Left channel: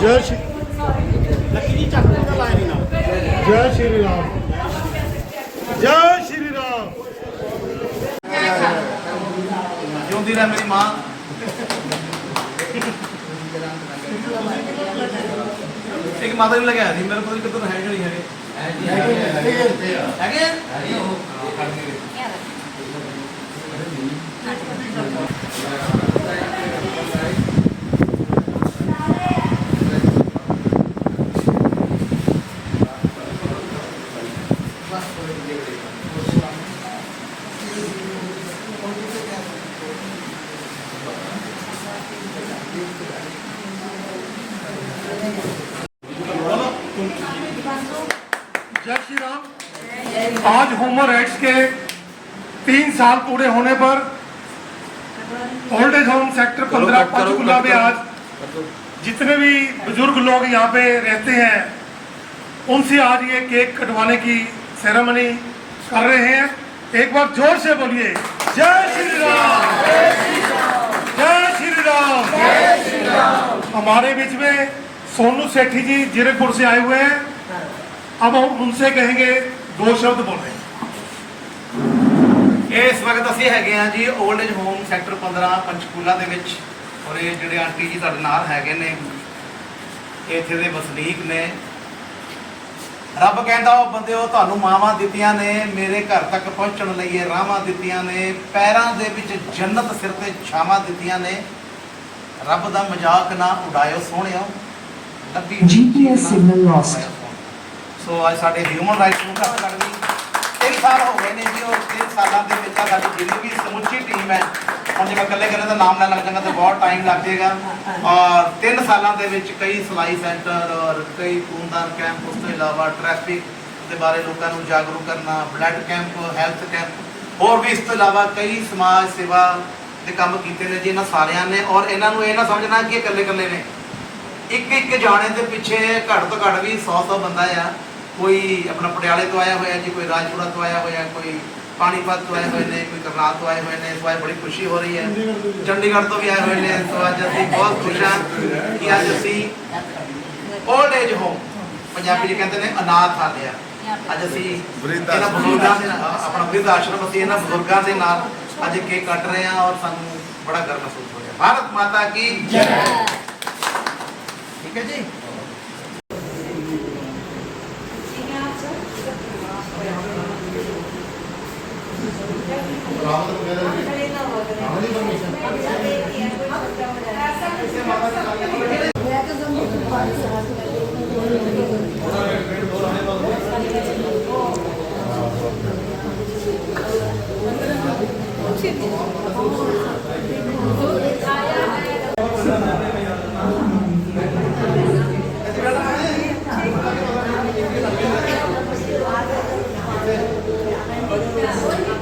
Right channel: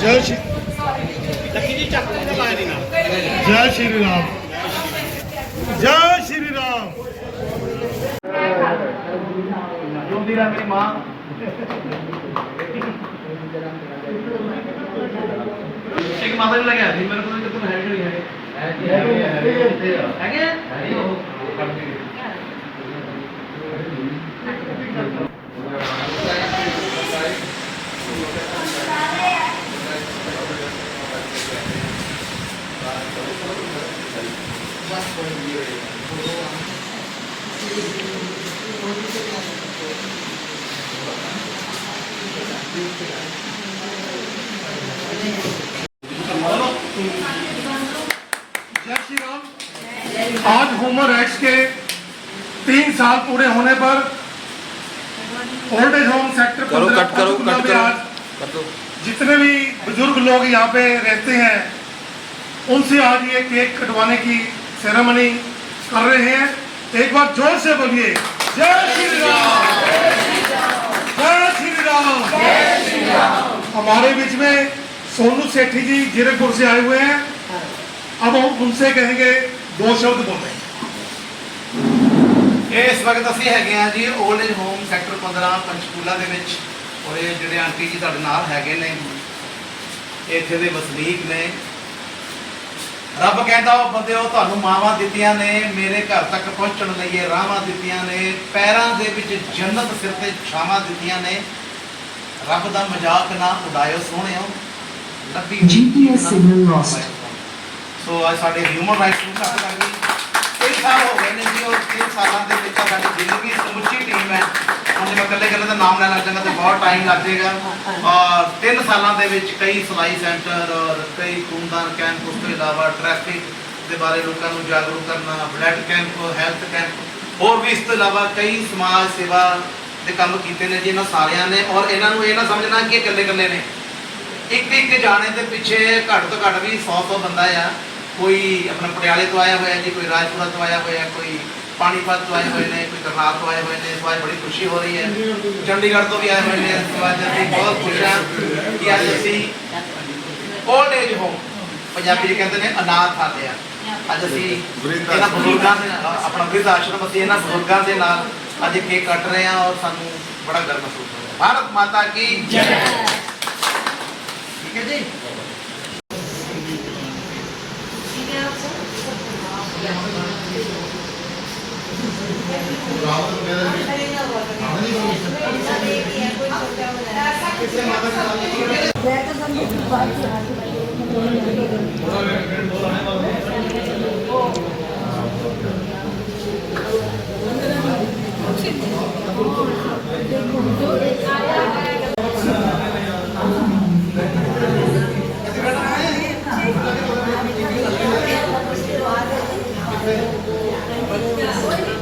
ਜੈ ਸ਼੍ਰੀ ਲੱਕੀ ਜੀ ਚੱਕ ਦਾ ਲਾਇਆ ਨਹੀਂ ਨਾਲ। ਜੈ ਸ਼੍ਰੀ ਰਾਮ। ਜੈ ਸ਼੍ਰੀ ਰਾਮ। ਜਿਉਂਦੀ ਰਹਿ ਮੇਰੀ ਮਾਂ। ਇੱਕ ਮਾਤਾ ਨੂੰ ਲਗਾਇਆ ਸੀ ਮੇਰੇ ਕੋਲ ਕਿਤੋਂ ਹੈਗੇ ਨਹੀਂ ਹੈਗੇ। ਹੈਗੇ जय आज होमर एक्ट के तीन साल पूरे होने पर ओल्ड एज होम सेक्टर पंद्रह पंचकुला में आज जितने भी बुजुर्ग लोग यहाँ पे रहते हैं उनसे आज ये केक कटवाने की सेरेमनी कर रहे हैं एक बार जोर से बोलिए जय श्री राम जय श्री राम हमारे बीच में सोनू सेठी जी जीरकपुर से आए हुए हैं अब हम उनसे कहेंगे दो शब्द बोलें। ਇਹ ਇਸ ਵਕਤ ਅਸੀਂ ਹੈਗੇ ਆ ਜੀ old age home sector 15 Panchkula ਦੇ ਵਿੱਚ। ਔਰ ਇਹ ਜਿਹੜੇ ਆਂਟੀ ਜੀ ਤੁਹਾਡੇ ਨਾਲ ਹੈਗੇ ਨੇ ਇੱਥੇ ਦੇ ਵਸਨੀਕ ਨੇ। ਰੱਬ ਕਹਿੰਦਾ ਉਹ ਬੰਦਿਓ ਤੁਹਾਨੂੰ ਮਾਵਾਂ ਦਿੱਤੀਆਂ ਨੇ ਮੇਰੇ ਘਰ ਤੱਕ ਪਹੁੰਚਣ ਲਈ ਇਹ ਰਾਹਾਂ ਦਿੱਤੀਆਂ ਨੇ ਪੈਰਾਂ ਦੇ ਵਿੱਚ ਜੰਨਤ ਸਿਰ ਤੇ ਛਾਵਾਂ ਦਿੱਤੀਆਂ ਨੇ। ਰੱਬ ਦਾ ਮਜ਼ਾਕ ਨਾ ਉਡਾਇਓ ਸੋਹਣਿਓ ਸੋ ਅੱਜ ਸਾਡੇ ਹਿਊਮਨ ਰਾਈਟਸ ਨੂੰ ਘੱਟ ਲੱਗਦੀ। ਤਿੰਨ ਸਾਲ ਹੋ ਗਏ ਨੇ ਜੀ, ਉਹ ਤਿੰਨ ਸਾਲਾਂ ਦੇ ਵਿੱਚ ਸਾਡੀ ਜਿੰਨੀ ਸਮੁੱਚੀ ਟੀਮ ਹੈ, ਹੁਣ ਜੇ ਮੈਂ ਇਕੱਲੇ ਇਕੱਲੇ ਦਾ ਨਾਮ ਲੈਣ ਲੱਗ ਜਾਂਗਾ ਤਾਂ ਬਹੁਤ ਟਾਈਮ ਲੱਗ ਜਾਏਗਾ। ਔਰ ਤਿੰਨ ਸਾਲਾਂ ਦੇ ਵਿੱਚ ਕਈ ਸਲਾਈ ਸੈਂਟਰ ਔਰ ਕਈ ਖੂਨਦਾਨ ਕੈਂਪ ਉਸ ਤੋਂ ਇਲਾਵਾ ਟ੍ਰੈਫਿਕ ਦੇ ਬਾਰੇ ਲੋਕਾਂ ਨੂੰ ਜਾਗਰੂਕ ਕਰਨਾ ਬਲੱਡ ਕੈਂਪ ਹੈਲਥ ਕੈਂਪ ਹੋਰ ਵੀ ਇਸ ਤੋਂ ਇਲਾਵਾ ਕਈ ਸਮਾਜ ਸੇਵਾ ਦੇ ਕੰਮ ਕੀਤੇ ਨੇ ਜੀ ਇਹਨਾਂ ਸਾਰਿਆਂ ਨੇ। ਔਰ ਇਹਨਾਂ ਨੂੰ ਇਹ ਨਾ ਸਮਝਣਾ ਕਿ ਇਕੱਲੇ ਇਕੱਲੇ ਨੇ। ਇੱਕ ਇੱਕ ਜਾਣੇ ਦੇ ਪਿੱਛੇ ਘੱਟ ਤੋਂ ਘੱਟ ਵੀ 100 ਤੋਂ ਬੰਦਾ ਆ। ਕੋਈ ਆਪਣਾ ਪਟਿਆਲੇ ਤੋਂ ਆਇਆ ਹੋਇਆ ਜੀ, ਕੋਈ ਰਾਜਪੁਰਾ ਤੋਂ ਆਇਆ ਹੋਇਆ, ਕੋਈ ਪਾਣੀਪਤ ਤੋਂ ਆਏ ਹੋਏ ਨੇ, ਕੋਈ ਕਰਨਾਲ ਤੋਂ ਆਏ ਹੋਏ ਨੇ ਇਸ ਵਾਰ ਬੜੀ ਖੁਸ਼ੀ ਹੋ ਰਹੀ ਹੈ। ਚੰਡੀਗੜ੍ਹ ਤੋਂ ਵੀ ਆਏ ਹੋਏ ਨੇ ਇਸ ਵਾਰ ਅਸੀਂ ਬਹੁਤ ਖੁਸ਼ ਹਾਂ ਕਿ ਅੱਜ ਅਸੀਂ ਓਲਡ ਏਜ ਹੋਮ ਪੰਜਾਬੀ ਚ ਕਹਿੰਦੇ ਨੇ ਅਨਾਥ ਆਲਿਆ ਅੱਜ ਅਸੀਂ ਇਹਨਾਂ ਬਜ਼ੁਰਗਾਂ ਦੇ ਆਪਣਾ ਬਿਰਧ ਆਸ਼ਰਮ ਅਸੀਂ ਇਹਨਾਂ ਬਜ਼ੁਰਗਾਂ ਦੇ ਨਾਲ ਅੱਜ ਕੇਕ ਕੱਟ ਰਹੇ ਹਾਂ ਔਰ ਸਾਨੂੰ ਬੜਾ ਗਰਵ ਮਹਿਸੂਸ ਹੋ ਰਿਹਾ। ਭਾਰਤ ਮਾਤਾ ਕੀ ਜੈ। ਠੀਕ ਹੈ ਜੀ? ਬਰਾਮਦ ਵਗੈਰਾ ਦੀ ਆਮਦੀ ਪਰਮਿਸ਼ਨ ਕਿਸੇ ਮਾਤਾ ਦਾ ਮੈਂ ਤਾਂ ਸਮਝੀ ਕਿ ਬਾਤ ਹੈ। ਥੋੜਾ ਮਿੰਟ ਦੋ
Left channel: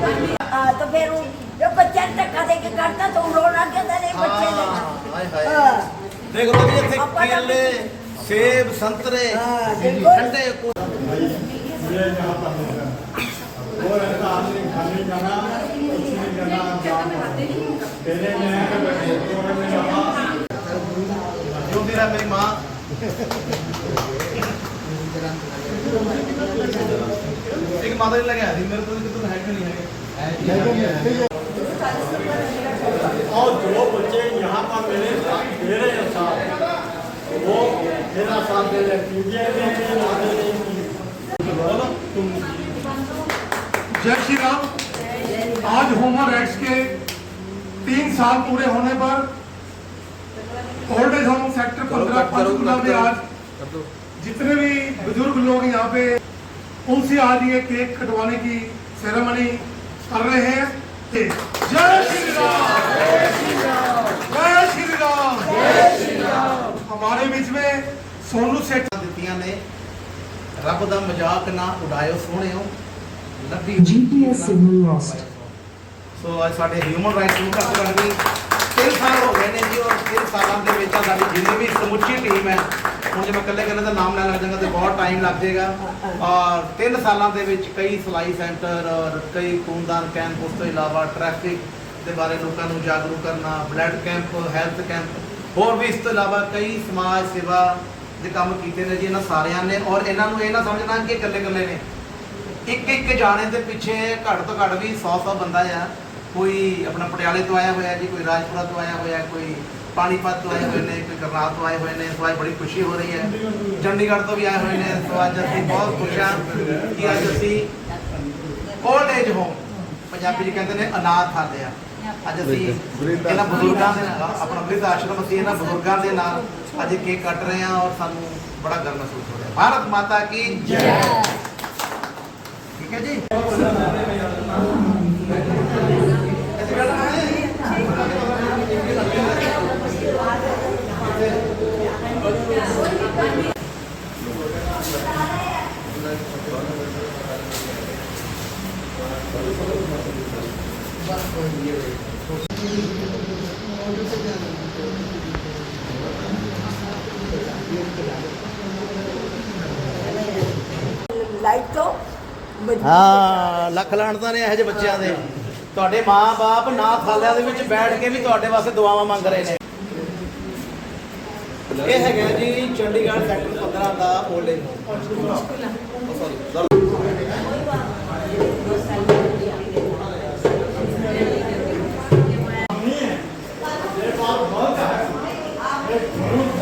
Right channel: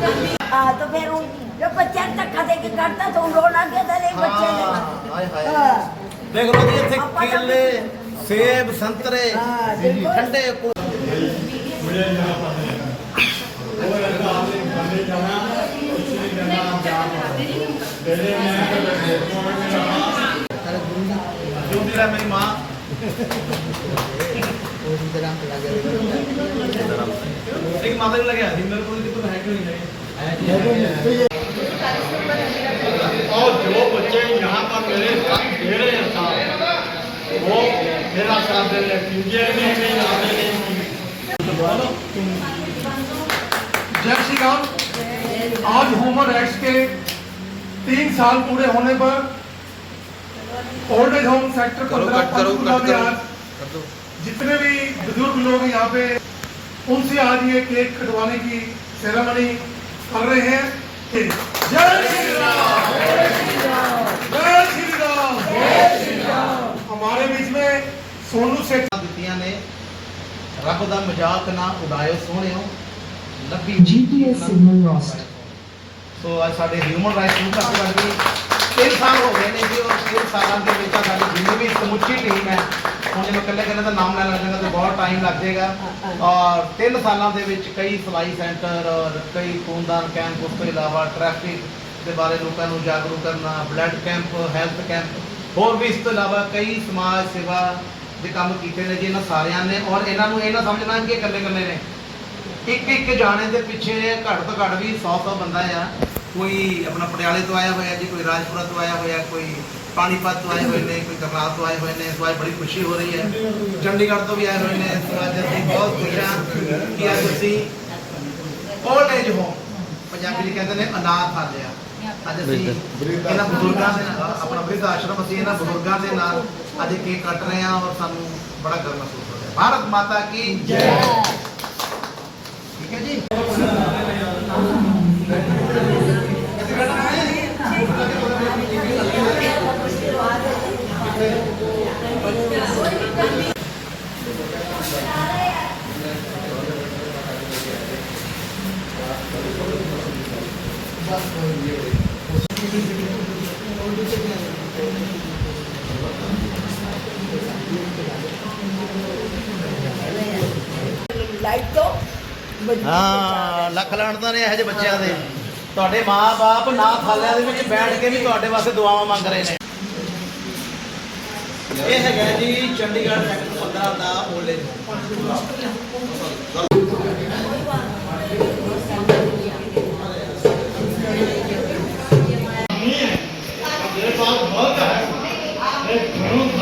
ਆਣੇ हाँ तो फिर जब बच्चा धक्का दे के करता तो रोन आ गया था बच्चे हाँ, ने हाँ। देख लो ये केले सेब संतरे हाँ, ठंडे जो भी है मेरी माँ। एक माता लगे मेरे को तुम है क्यों नहीं है? और जो बच्चे यहाँ पर मेरे साथ दे रहे हैं साथ वो मेरा साथ दे रहे हैं क्योंकि नहीं आने नहीं जय श्री राम आज ह्यूमन राइट्स के तीन साल पूरे होने पर ओल्ड एज होम सेक्टर करो जितने भी बुजुर्ग लोग यहाँ पे उनसे आज ये केक कटवाने की सेरेमनी कर रहे हैं जय श्री राम जय श्री राम जय श्री राम हमारे बीच में सोनू सेठ ਦਿੱਤੀਆਂ ਨੇ ਰੱਬ ਦਾ ਮਜ਼ਾਕ ਨਾ ਉਡਾਇਓ ਸੋਹਣਿਓ ਲੱਭੀ GPS signal lost. ਸੋ ਅੱਜ ਸਾਡੇ ਹਿਊਮਨ ਰਾਈਟਸ ਨੂੰ ਘੱਟ ਲੱਗਦੀ ਤਿੰਨ ਸਾਲ ਹੋ ਗਏ ਨੇ ਜੀ ਉਹ ਤਿੰਨ ਸਾਲਾਂ ਦੇ ਵਿੱਚ ਆ ਸਾਡੀ ਜਿੰਨੀ ਵੀ ਸਮੁੱਚੀ ਟੀਮ ਹੈ ਹੁਣ ਜੇ ਮੈਂ ਇਕੱਲੇ ਇਕੱਲੇ ਦਾ ਨਾਮ ਲੈਣ ਲੱਗ ਜਾਂਗਾ ਤਾਂ ਬਹੁਤ ਟਾਈਮ ਲੱਗ ਜਾਏਗਾ। ਔਰ ਤਿੰਨ ਸਾਲਾਂ ਦੇ ਵਿੱਚ ਕਈ ਸਲਾਈ ਸੈਂਟਰ ਔਰ ਕਈ ਖੂਨਦਾਨ ਕੈਂਪ, ਉਸ ਤੋਂ ਇਲਾਵਾ ਟ੍ਰੈਫਿਕ ਦੇ ਬਾਰੇ ਲੋਕਾਂ ਨੂੰ ਜਾਗਰੂਕ ਕਰਨਾ ਬਲੱਡ ਕੈਂਪ ਹੈਲਥ ਕੈਂਪ ਹੋਰ ਵੀ ਇਸ ਤੋਂ ਇਲਾਵਾ ਕਈ ਸਮਾਜ ਸੇਵਾ ਦੇ ਕੰਮ ਕੀਤੇ ਨੇ ਜੀ, ਇਹਨਾਂ ਸਾਰਿਆਂ ਨੇ। ਔਰ ਇਹਨਾਂ ਨੂੰ ਇਹ ਨਾ ਸਮਝਣਾ ਕਿ ਇਕੱਲੇ ਇਕੱਲੇ ਨੇ। ਇੱਕ ਇੱਕ ਜਾਣੇ ਦੇ ਪਿੱਛੇ ਘੱਟ ਤੋਂ ਘੱਟ ਵੀ 100 100 ਬੰਦਾ ਆ। ਕੋਈ ਆਪਣਾ ਪਟਿਆਲੇ ਤੋਂ ਆਇਆ ਹੋਇਆ ਜੀ, ਕੋਈ ਰਾਜਪੁਰਾ ਤੋਂ ਆਇਆ ਹੋਇਆ, ਕੋਈ ਪਾਣੀਪਤ ਤੋਂ ਆਏ ਹੋਏ ਨੇ ਕੋਈ ਕਰਨਾਲ ਤੋਂ ਆਏ ਹੋਏ ਨੇ ਇਸ ਵਾਰ ਬੜੀ ਖੁਸ਼ੀ ਹੋ ਰਹੀ ਹੈ। ਚੰਡੀਗੜ੍ਹ ਤੋਂ ਵੀ ਆਏ ਹੋਏ ਨੇ ਇਸ ਵਾਰ ਅਸੀਂ ਬਹੁਤ ਖੁਸ਼ ਹਾਂ ਕਿ ਅੱਜ ਅਸੀਂ ਓਲਡ ਏਜ ਹੋਮ ਪੰਜਾਬੀ ਚ ਕਹਿੰਦੇ ਨੇ ਅਨਾਥ ਆਲਿਆ ਅੱਜ ਅਸੀਂ ਇਹਨਾਂ ਬਜ਼ੁਰਗਾਂ ਦੇ ਨਾਲ ਆਪਣਾ ਬ੍ਰਿਧ ਆਸ਼ਰਮ ਅਸੀਂ ਇਹਨਾਂ ਬਜ਼ੁਰਗਾਂ ਦੇ ਨਾਲ ਅੱਜ ਕੇਕ ਕੱਟ ਰਹੇ ਹਾਂ ਔਰ ਸਾਨੂੰ ਬੜਾ ਗਰਵ ਮਹਿਸੂਸ ਹੋ ਰਿਹਾ। ਭਾਰਤ ਮਾਤਾ ਕੀ ਜੈ। ਠੀਕ ਹੈ ਜੀ? ਲਾਈਟ ਤੋਂ ਹਾਂ ਲੱਖ ਲਾਣਤਾਂ ਨੇ ਇਹੋ ਜਿਹੇ ਬੱਚਿਆਂ ਦੇ। ਤੁਹਾਡੇ ਮਾਪੇ ਨਾ ਥਾਲਿਆਂ ਦੇ ਵਿੱਚ ਬੈਠ ਕੇ ਵੀ ਤੁਹਾਡੇ ਵਾਸਤੇ ਦੁਆਵਾਂ ਮੰਗ ਰਹੇ ਨੇ। ਇਹ ਹੈਗਾ ਜੀ ਚੰਡੀਗੜ੍ਹ ਸੈਕਟਰ 15 ਦਾ 올ਡ ਏਜ Lord,